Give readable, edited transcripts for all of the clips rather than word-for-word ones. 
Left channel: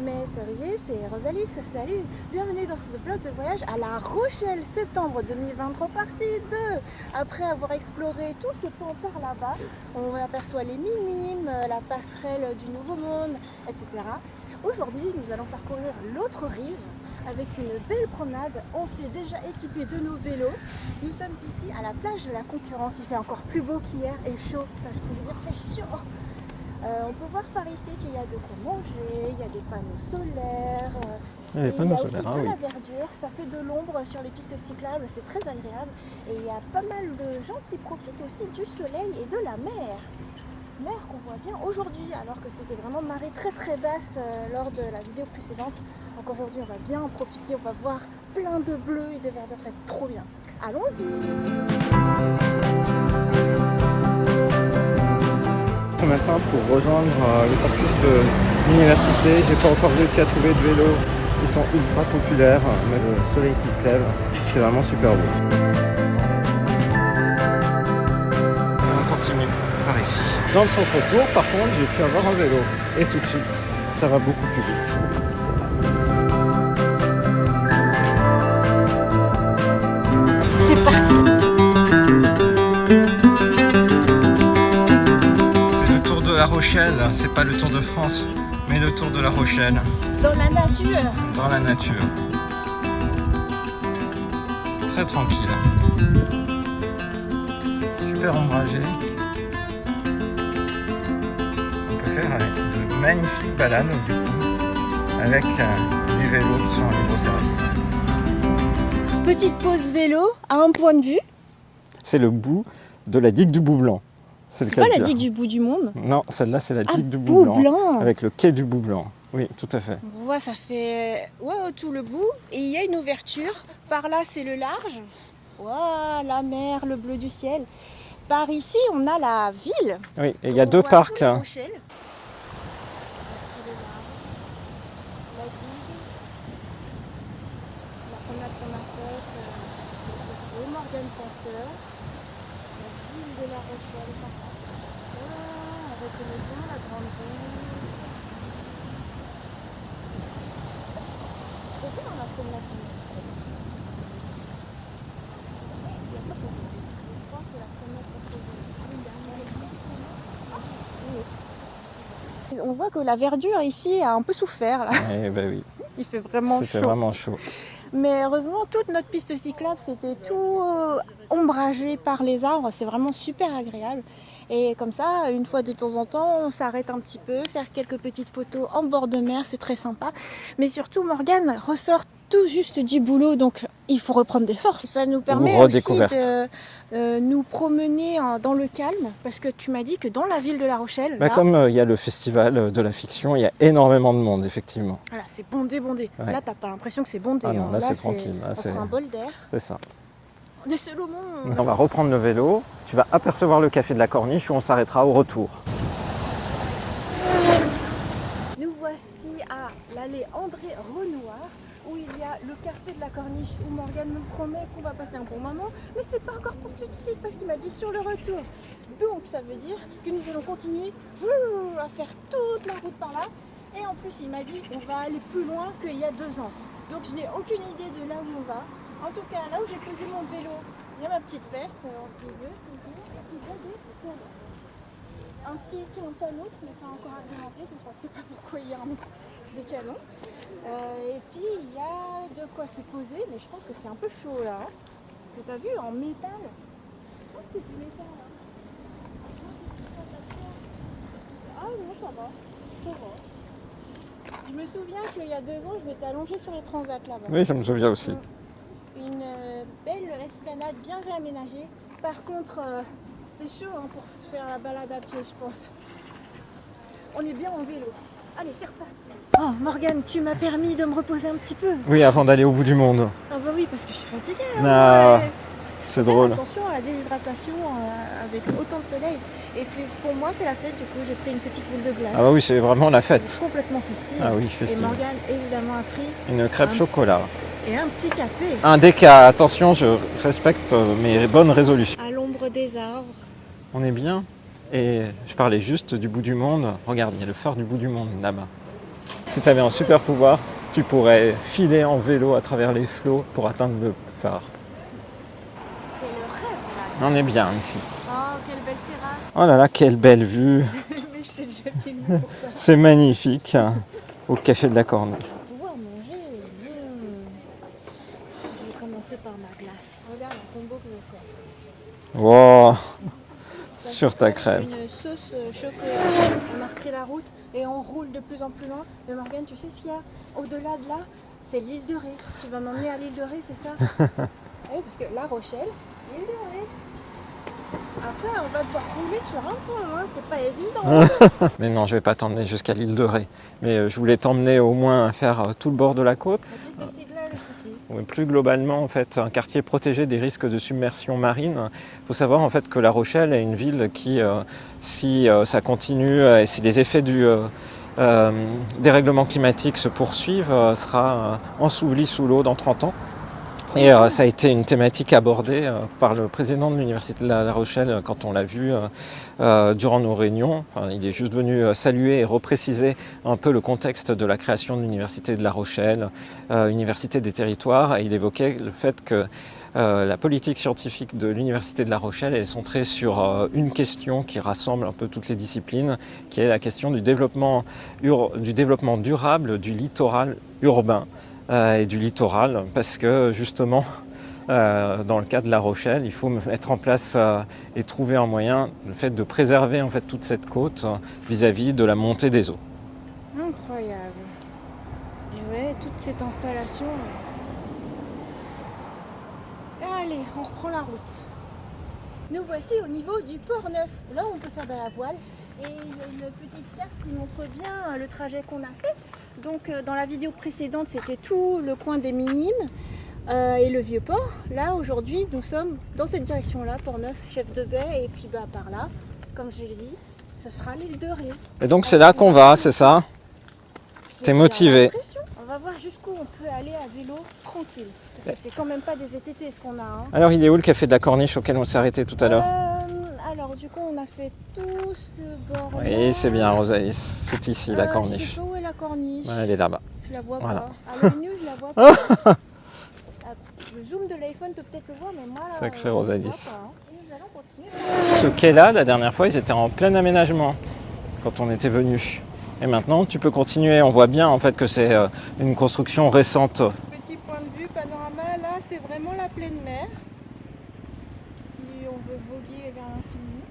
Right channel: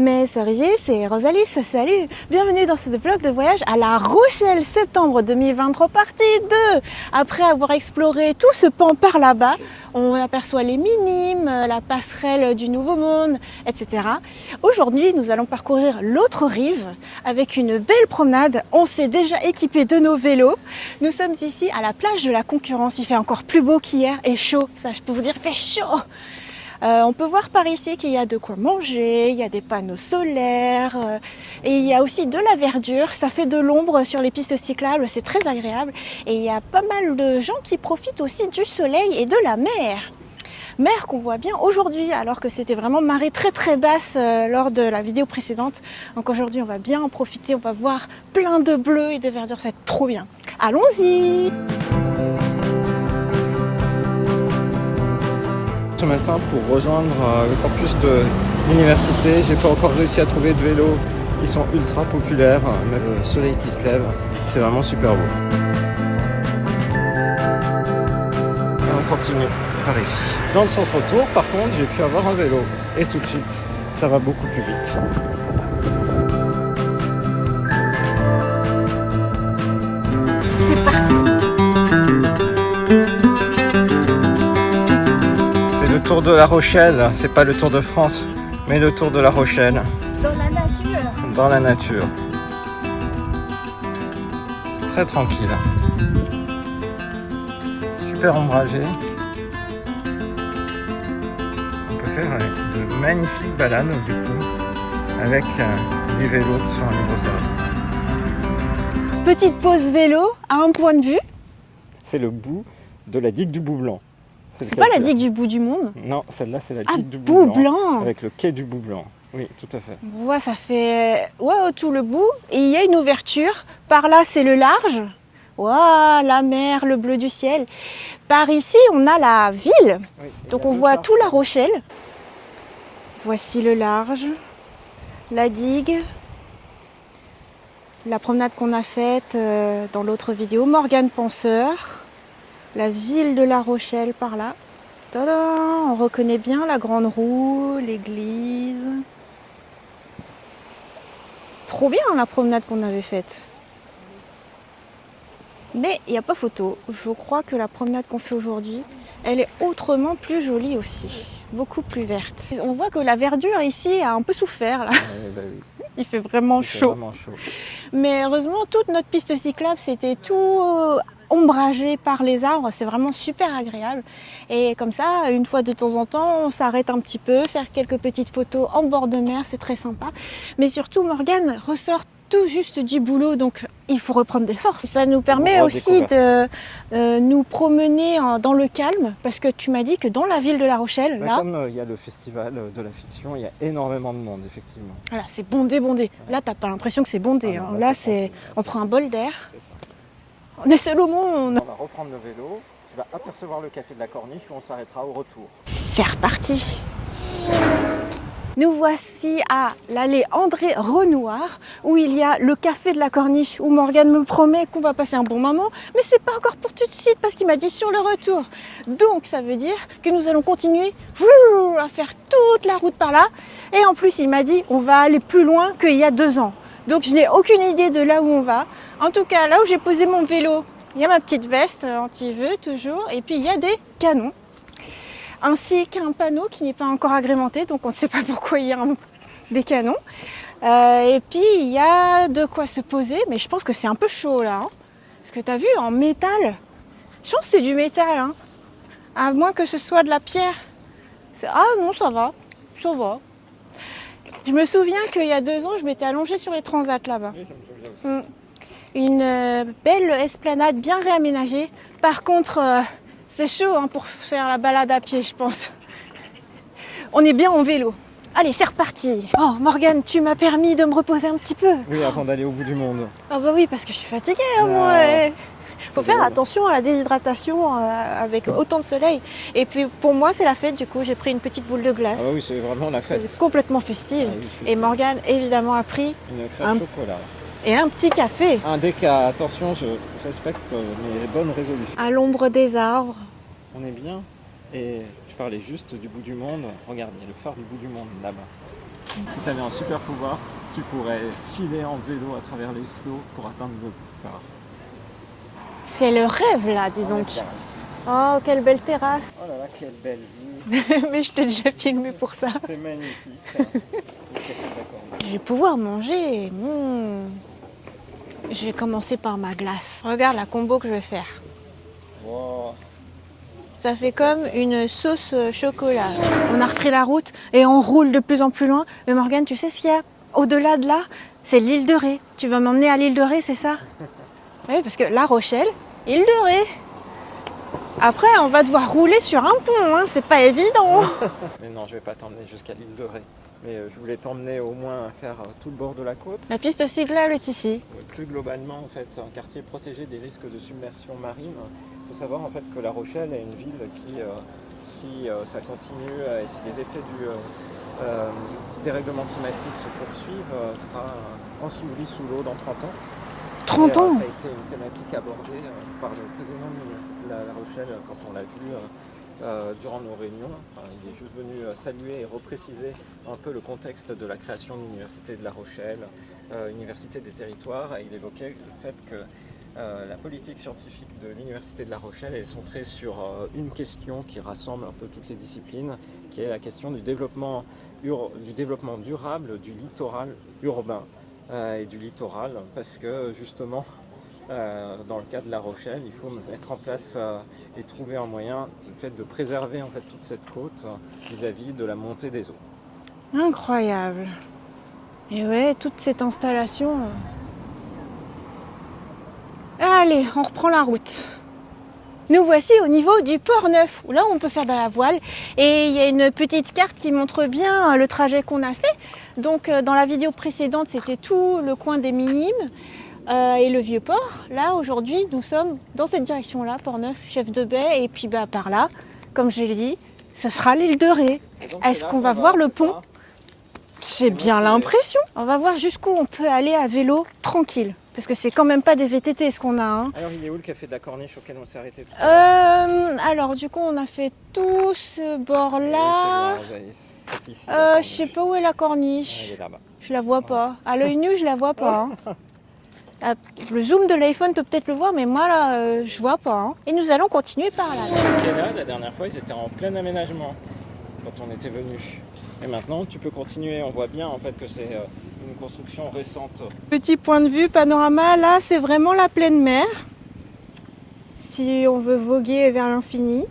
Mes cerisiers, c'est Rosalie, salut! Bienvenue dans ce vlog de voyage à La Rochelle, septembre 2023, partie 2. Après avoir exploré tout ce pan par là-bas, on aperçoit les Minimes, la passerelle du Nouveau Monde, etc. Aujourd'hui, nous allons parcourir l'autre rive avec une belle promenade. On s'est déjà équipé de nos vélos. Nous sommes ici à la plage de la Concurrence. Il fait encore plus beau qu'hier et chaud. Ça, je peux vous dire, il fait chaud! On peut voir par ici qu'il y a de quoi manger, il y a des panneaux solaires et il y a aussi de la verdure. Ça fait de l'ombre sur les pistes cyclables, c'est très agréable. Et il y a pas mal de gens qui profitent aussi du soleil et de la mer. Mer qu'on voit bien aujourd'hui alors que c'était vraiment marée très basse lors de la vidéo précédente. Donc aujourd'hui on va bien en profiter, on va voir plein de bleu et de verdure, ça va être trop bien. Allons-y! Ce matin pour rejoindre le campus de l'université, j'ai pas encore réussi à trouver de vélos. Ils sont ultra populaires, mais le soleil qui se lève, c'est vraiment super beau. Et on continue par ici. Dans le centre autour, par contre, j'ai pu avoir un vélo. Et tout de suite, ça va beaucoup plus vite. C'est parti! Tour de La Rochelle, c'est pas le Tour de France, mais le Tour de La Rochelle. Dans la nature. Dans la nature. C'est très tranquille. Super ombragé. On peut faire de magnifiques balades du coup, avec des vélos qui sont en libre service. Petite pause vélo à un point de vue. C'est le bout de la digue du Bout-Blanc. C'est pas la digue du bout du monde? Non, celle-là c'est la digue du Bout-Blanc. Avec le quai du Bout-Blanc. Oui, tout à fait. On voit, ça fait tout le bout. Et il y a une ouverture. Par là, c'est le large. Wow, la mer, le bleu du ciel. Par ici, on a la ville. Oui, et il donc y a on deux voit parcs. Tout La Rochelle. Voici le large, la digue, la promenade qu'on a faite dans l'autre vidéo. Morgane Penseur. La ville de La Rochelle par là. Tada, on reconnaît bien la grande roue, l'église. Trop bien la promenade qu'on avait faite. Mais il n'y a pas photo. Je crois que la promenade qu'on fait aujourd'hui, elle est autrement plus jolie aussi. Beaucoup plus verte. On voit que la verdure ici a un peu souffert. Là. Oui. Il fait vraiment chaud. Vraiment chaud. Mais heureusement, toute notre piste cyclable, c'était tout ombragé par les arbres. C'est vraiment super agréable. Et comme ça, une fois de temps en temps, on s'arrête un petit peu, faire quelques petites photos en bord de mer, c'est très sympa. Mais surtout, Morgane ressort tout juste du boulot, donc il faut reprendre des forces. Ça nous permet aussi de nous promener dans le calme, parce que tu m'as dit que dans la ville de La Rochelle... Là, là, comme il y a le festival de la fiction, il y a énormément de monde, effectivement. Voilà, c'est bondé. Ouais. Là, t'as pas l'impression que c'est bondé. Ah non, là, on prend un bol d'air. C'est ça. On est seul au monde. On va reprendre le vélo. Tu vas apercevoir le café de la Corniche où on s'arrêtera au retour. C'est reparti. Nous voici à l'allée André Renoir où il y a le café de la Corniche où Morgane me promet qu'on va passer un bon moment, mais c'est pas encore pour tout de suite parce qu'il m'a dit sur le retour. Donc ça veut dire que nous allons continuer à faire toute la route par là et en plus il m'a dit on va aller plus loin qu'il y a 2 ans. Donc je n'ai aucune idée de là où on va. En tout cas là où j'ai posé mon vélo, il y a ma petite veste anti-vœux toujours et puis il y a des canons. Ainsi qu'un panneau qui n'est pas encore agrémenté, donc on ne sait pas pourquoi il y a des canons. Et puis il y a de quoi se poser, mais je pense que c'est un peu chaud là. Hein. Parce que tu as vu, en métal, je pense que c'est du métal, hein. À moins que ce soit de la pierre. Ah non, ça va. Je me souviens qu'il y a 2 ans, je m'étais allongée sur les transats là-bas. Oui, ça me souvient aussi. Une belle esplanade bien réaménagée. Par contre... c'est chaud hein, pour faire la balade à pied, je pense. On est bien en vélo. Allez, c'est reparti. Oh, Morgane, tu m'as permis de me reposer un petit peu. Oui, avant d'aller au bout du monde. Ah bah oui, parce que je suis fatiguée. Il faut faire attention à la déshydratation avec autant de soleil. Et puis pour moi, c'est la fête. Du coup, j'ai pris une petite boule de glace. Ah oui, c'est vraiment la fête. Complètement festive. Ah oui, festive. Et Morgane, évidemment, a pris une crêpe chocolat. Et un petit café. Un déca, attention, je respecte mes bonnes résolutions. À l'ombre des arbres. On est bien. Et je parlais juste du bout du monde. Regarde, il y a le phare du bout du monde là-bas. Si tu avais un super pouvoir, tu pourrais filer en vélo à travers les flots pour atteindre le phare. C'est le rêve là, dis On donc. est bien ici. Oh, quelle belle terrasse. Oh là là, quelle belle vue. Mais je t'ai déjà filmé pour ça. C'est magnifique. Au café de la Corne. Je vais pouvoir manger. Je vais commencer par ma glace. Regarde la combo que je vais faire. Wow. Ça Sur fait ta comme crème. une sauce chocolat. On a repris la route et on roule de plus en plus loin. Mais Morgane, tu sais ce qu'il y a au-delà de là? C'est l'île de Ré. Tu vas m'emmener à l'île de Ré, c'est ça? Oui, parce que La Rochelle, île de Ré. Après, on va devoir rouler sur un pont, hein. C'est pas évident. Mais non, je vais pas t'emmener jusqu'à l'île de Ré. Mais je voulais t'emmener au moins à faire tout le bord de la côte. La piste cyclable est ici. Plus globalement, en fait, un quartier protégé des risques de submersion marine. Il faut savoir en fait que La Rochelle est une ville qui, si ça continue et si les effets du dérèglement climatique se poursuivent, sera ensevelie sous l'eau dans 30 ans. Et ça a été une thématique abordée par le président de l'Université de La Rochelle quand on l'a vu durant nos réunions. Enfin, il est juste venu saluer et repréciser un peu le contexte de la création de l'Université de La Rochelle, Université des territoires. Et il évoquait le fait que la politique scientifique de l'Université de La Rochelle est centrée sur une question qui rassemble un peu toutes les disciplines, qui est la question du développement durable du littoral urbain. Et du littoral, parce que justement, dans le cas de La Rochelle, il faut mettre en place et trouver un moyen, le fait de préserver en fait toute cette côte vis-à-vis de la montée des eaux. Incroyable. Et ouais, toute cette installation. Allez, on reprend la route. Nous voici au niveau du Port Neuf, où là on peut faire de la voile. Et il y a une petite carte qui montre bien le trajet qu'on a fait. Donc dans la vidéo précédente, c'était tout le coin des Minimes et le Vieux-Port. Là, aujourd'hui, nous sommes dans cette direction-là, Port-Neuf, Chef de Baie. Et puis par là, comme je l'ai dit, ce sera l'île de Ré. Et donc c'est là qu'on va, c'est ça? J'ai bien l'impression. On va voir jusqu'où on peut aller à vélo tranquille. Parce que c'est quand même pas des VTT ce qu'on a. Hein. Alors il est où le café de la Corniche auquel on s'est arrêté tout à l'heure? Alors du coup on a fait tout ce bord-là. Oui, c'est bien Rosalie, c'est ici la Corniche. Je sais pas où est la Corniche. Ouais, elle est là-bas. Je la vois Voilà. pas. À l'œil nu je la vois pas. Hein. Le zoom de l'iPhone peut peut-être le voir, mais moi là je vois pas. Hein. Et nous allons continuer par là. Ce quai-là, la dernière fois, ils étaient en plein aménagement quand on était venu. Et maintenant, tu peux continuer. On voit bien en fait que c'est une construction récente. Petit point de vue, panorama, là c'est vraiment la pleine mer. Si on veut voguer vers l'infini.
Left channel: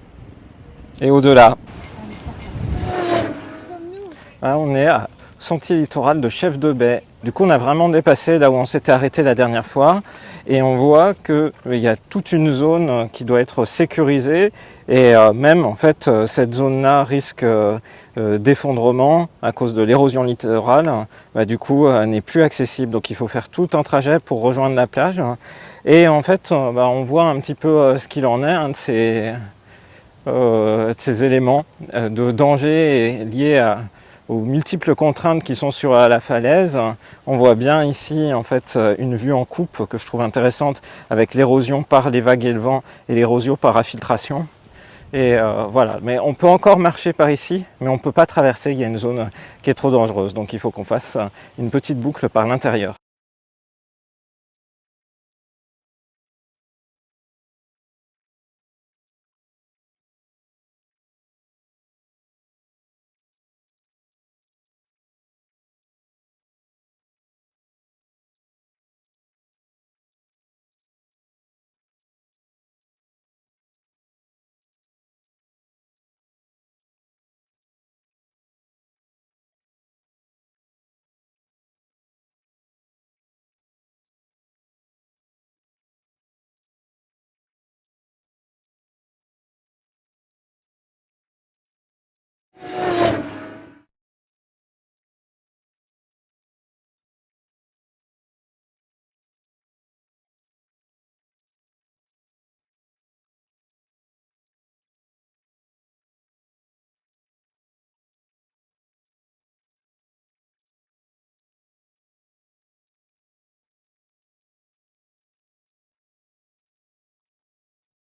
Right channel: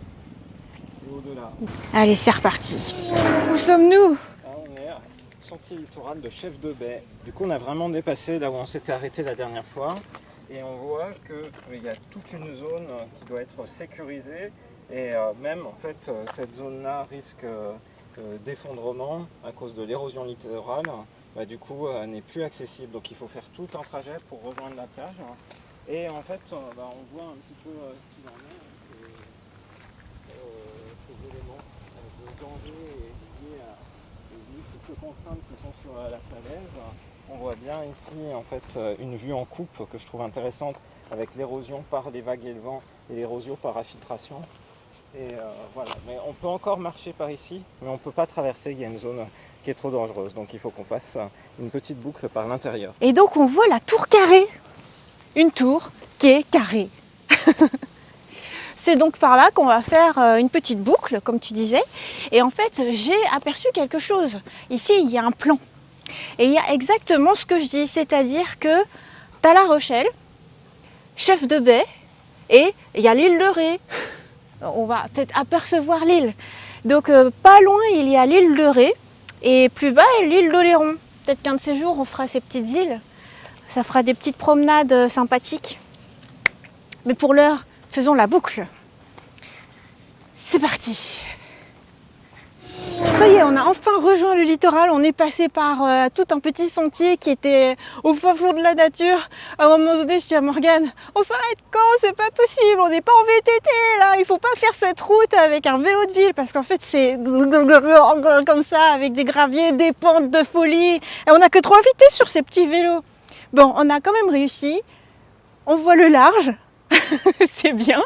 Et au-delà. Allez, c'est reparti. Où sommes-nous? Ah, on est à sentier littoral de Chef de Baie. Du coup, on a vraiment dépassé là où on s'était arrêté la dernière fois. Et on voit qu'il y a toute une zone qui doit être sécurisée. Et même en fait, cette zone-là risque d'effondrement à cause de l'érosion littorale. Du coup, n'est plus accessible. Donc il faut faire tout un trajet pour rejoindre la plage. Et en fait, on voit un petit peu ce qu'il en est, un de ces éléments de danger liés aux multiples contraintes qui sont sur la falaise. On voit bien ici en fait une vue en coupe que je trouve intéressante avec l'érosion par les vagues et le vent et l'érosion par infiltration. Et voilà, mais on peut encore marcher par ici, mais on ne peut pas traverser, il y a une zone qui est trop dangereuse, donc il faut qu'on fasse une petite boucle par l'intérieur. Et donc on voit la tour carrée, une tour qui est carrée. C'est donc par là qu'on va faire une petite boucle, comme tu disais. Et en fait, j'ai aperçu quelque chose. Ici, il y a un plan. Et il y a exactement ce que je dis, c'est-à-dire que tu as La Rochelle, Chef de Baie, et il y a l'île de Ré. On va peut-être apercevoir l'île. Donc pas loin, il y a l'île de Ré, et plus bas, l'île d'Oléron. Peut-être qu'un de ces jours, on fera ces petites îles. Ça fera des petites promenades sympathiques. Mais pour l'heure, faisons la boucle. C'est parti. Ça y est, on a enfin rejoint le littoral. On est passé par tout un petit sentier qui était au fin fond de la nature. À un moment donné, je dis à Morgane, on s'arrête quand? C'est pas possible, on n'est pas en VTT là. Il faut pas faire cette route avec un vélo de ville parce qu'en fait c'est comme ça avec des graviers, des pentes de folie. Et on n'a que 3 vitesses sur ces petits vélos. Bon, on a quand même réussi. On voit le large. C'est bien.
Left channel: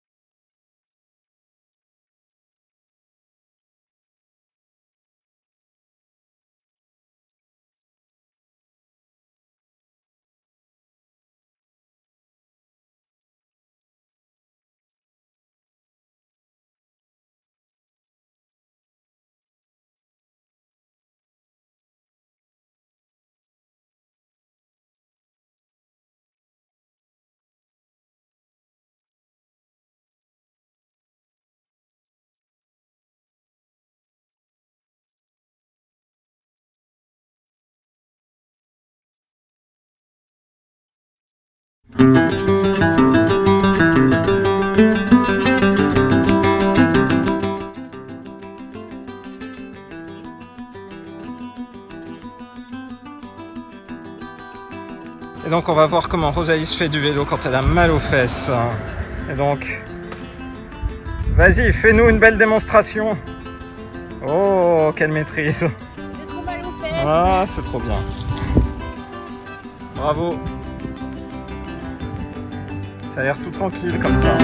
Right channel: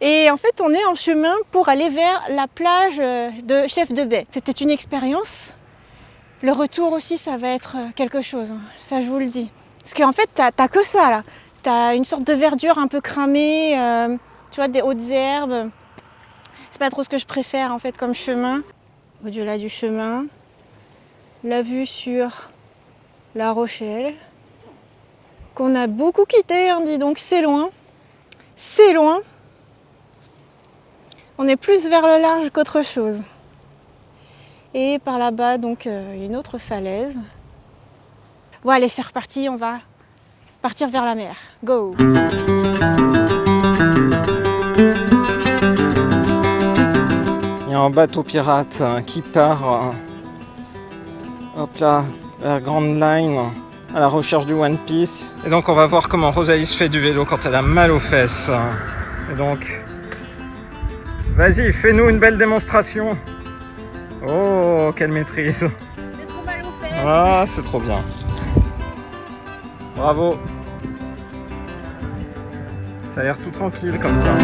Et en fait, on est en chemin pour aller vers la plage de Chef de Baie. C'était une expérience Le retour aussi, ça va être quelque chose, hein. Ça je vous le dis. Parce qu'en fait, t'as que ça là. T'as une sorte de verdure un peu cramée, tu vois, des hautes herbes. C'est pas trop ce que je préfère en fait comme chemin. Au-delà du chemin, la vue sur La Rochelle, qu'on a beaucoup quitté, hein, dis donc, c'est loin. C'est loin. On est plus vers le large qu'autre chose. Et par là-bas, donc, une autre falaise. Bon, allez, c'est reparti, on va partir vers la mer. Go! Il y a un bateau pirate qui part, hop là, vers Grand Line, à la recherche du One Piece. Et donc on va voir comment Rosalie se fait du vélo quand elle a mal aux fesses. Et donc, vas-y, fais-nous une belle démonstration. Oh, quelle maîtrise. J'ai trop mal aux fesses. Ah, c'est trop bien. Bravo. Ça a l'air tout tranquille comme ça.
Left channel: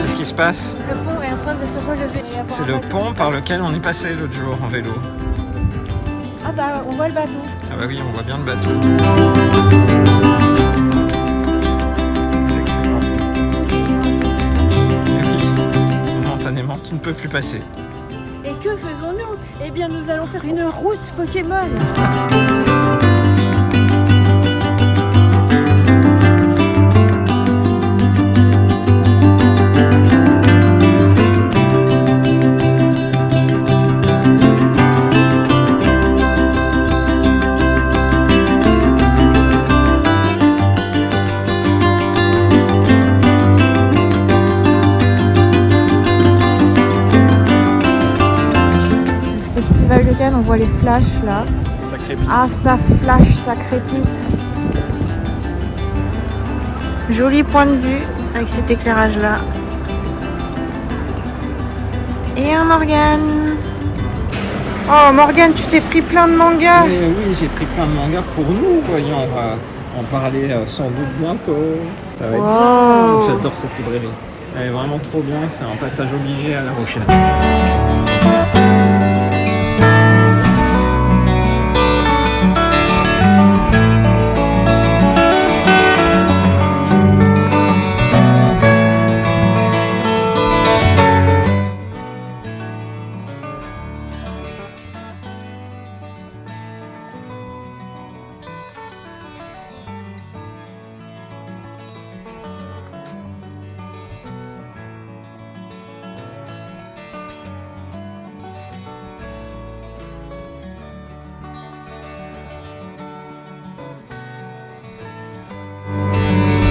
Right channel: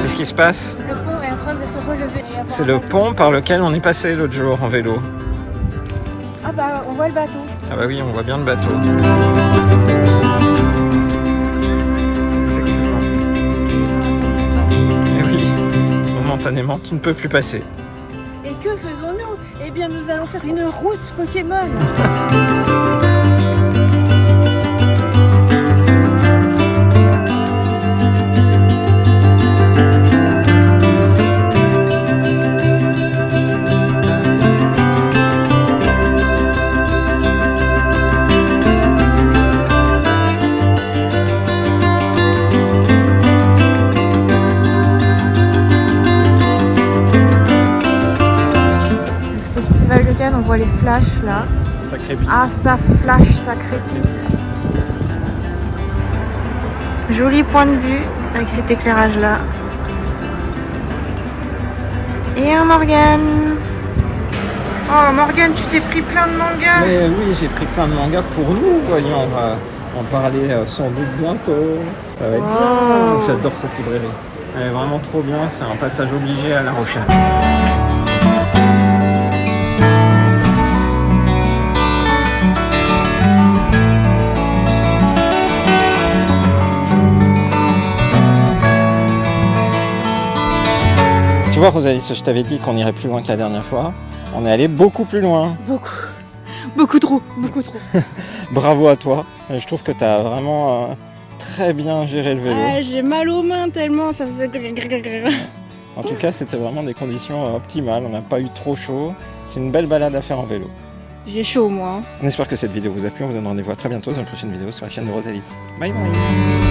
Qu'est-ce qui se passe? Le pont est en train de se relever. C'est le pont par lequel on est passé l'autre jour en vélo. Ah bah, on voit le bateau. Ah bah oui, on voit bien le bateau. Et oui, momentanément, tu ne peux plus passer. Et que faisons-nous? Eh bien, nous allons faire une route Pokémon. Festival de Cannes, on voit les flashs là. Ça crépite. Ah, ça flash, ça crépite. Joli point de vue avec cet éclairage là. Et un Morgane. Oh Morgane, tu t'es pris plein de mangas. Mais oui, j'ai pris plein de mangas pour nous, voyons. On va en parler sans doute bientôt. Ça va être Wow. bien. J'adore cette librairie. Elle est vraiment trop bien. C'est un passage obligé à La Rochelle. Tu vois, Rosalie, je t'avais dit qu'on irait plus loin que la dernière fois. On est allé beaucoup plus loin. Beaucoup trop, beaucoup trop. Bravo à toi. Je trouve que tu as vraiment très bien géré le vélo. J'ai mal aux mains tellement, ça faisait... En tout cas, c'était vraiment des conditions optimales. On n'a pas eu trop chaud. C'est une belle balade à faire en vélo. J'ai chaud moi. On espère que cette vidéo vous a plu. On vous donne rendez-vous à très bientôt dans une prochaine vidéo sur la chaîne de Rosalie. Bye bye.